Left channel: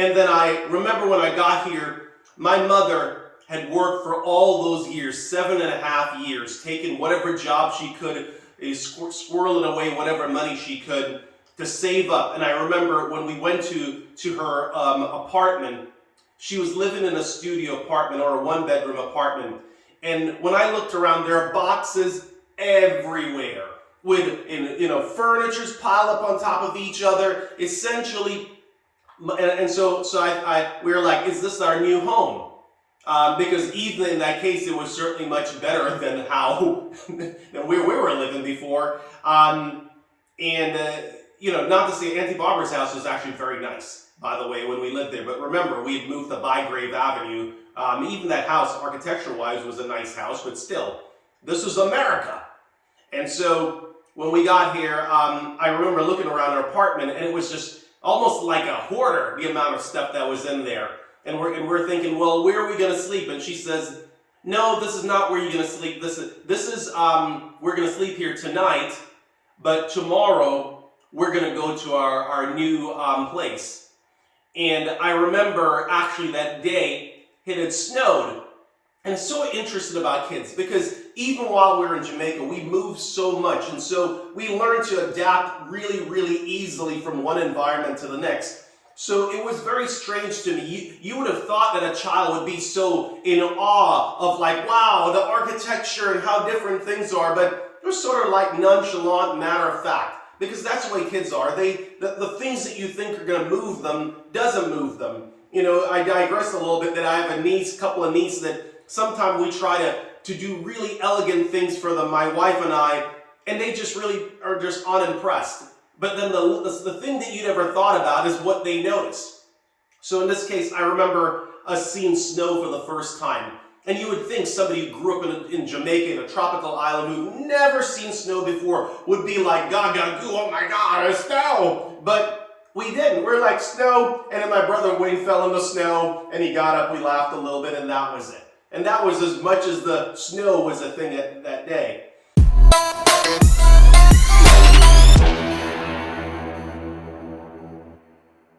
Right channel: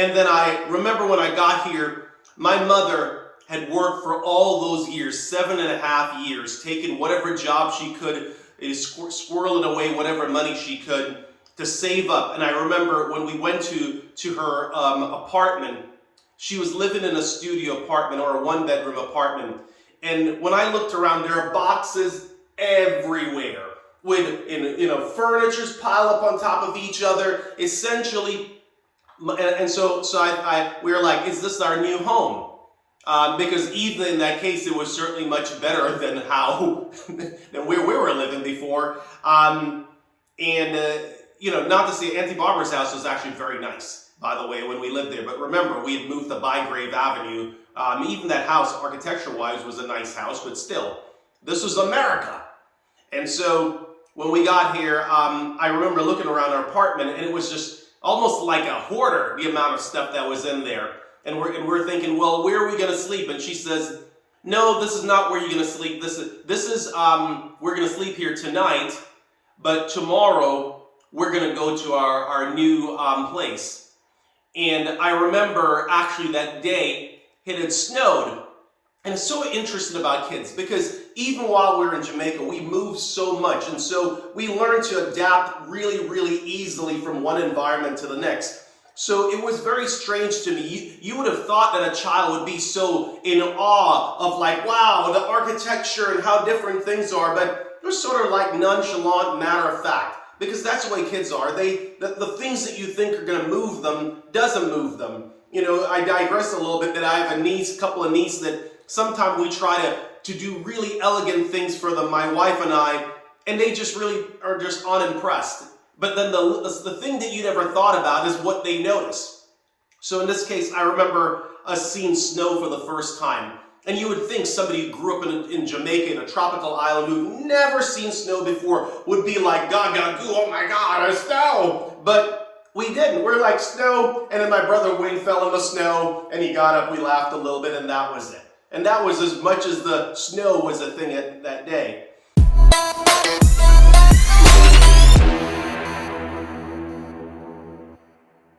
And then I remember when I got here, my mother had worked for all those years, 7.5 years, taking whatever job she could, squirreling away whatever money she could to save up. And I remember when we went to her apartment, she was living in a studio apartment or a one-bedroom apartment. And when I looked around, there are boxes everywhere with, furniture's piled up on top of each other, essentially. And so we were like, is this our new home? Because even in that case, it was certainly much better than than where we were living before. Not to say Auntie Barbara's house was actually very nice, by the way, when we lived there. But remember, we had moved to Bygrave Avenue. Even that house, architecture-wise, was a nice house, but still, this was America. And so when we got here, I remember looking around our apartment, and it was just almost like a hoarder, the amount of stuff that was in there. And we're thinking, well, where are we going to sleep? And she says, no, this is not where you're going to sleep. We're going to sleep here tonight, but tomorrow we're going to go to our new place. And I remember actually that day it had snowed. And it's so interesting about kids because even while we were in Jamaica, we moved so much. And so we learned to adapt really, really easily from one environment to the next. So it was very strange to me. You would have thought that a child would be so in awe of like, wow, the architecture and how different things are. But it was sort of like nonchalant, matter of fact. Because that's the way kids are. The things that you think are going to move them doesn't move them. I digress a little bit that I have a couple of nieces that sometimes we try to do really elegant things for them, my wife and I, and they just really are just unimpressed. But then the thing that you never thought about is what they notice. So in this case, I remember us seeing snow for the first time. And you would think somebody who grew up in Jamaica, in a tropical island, who'd never seen snow before, would be like, gaga goo, oh my God, it's snow. But we didn't. We're like, snow. And then my brother Wayne fell in the snow, and he got up, we laughed a little bit, and that was it. And that was as much as the snow was a thing that day.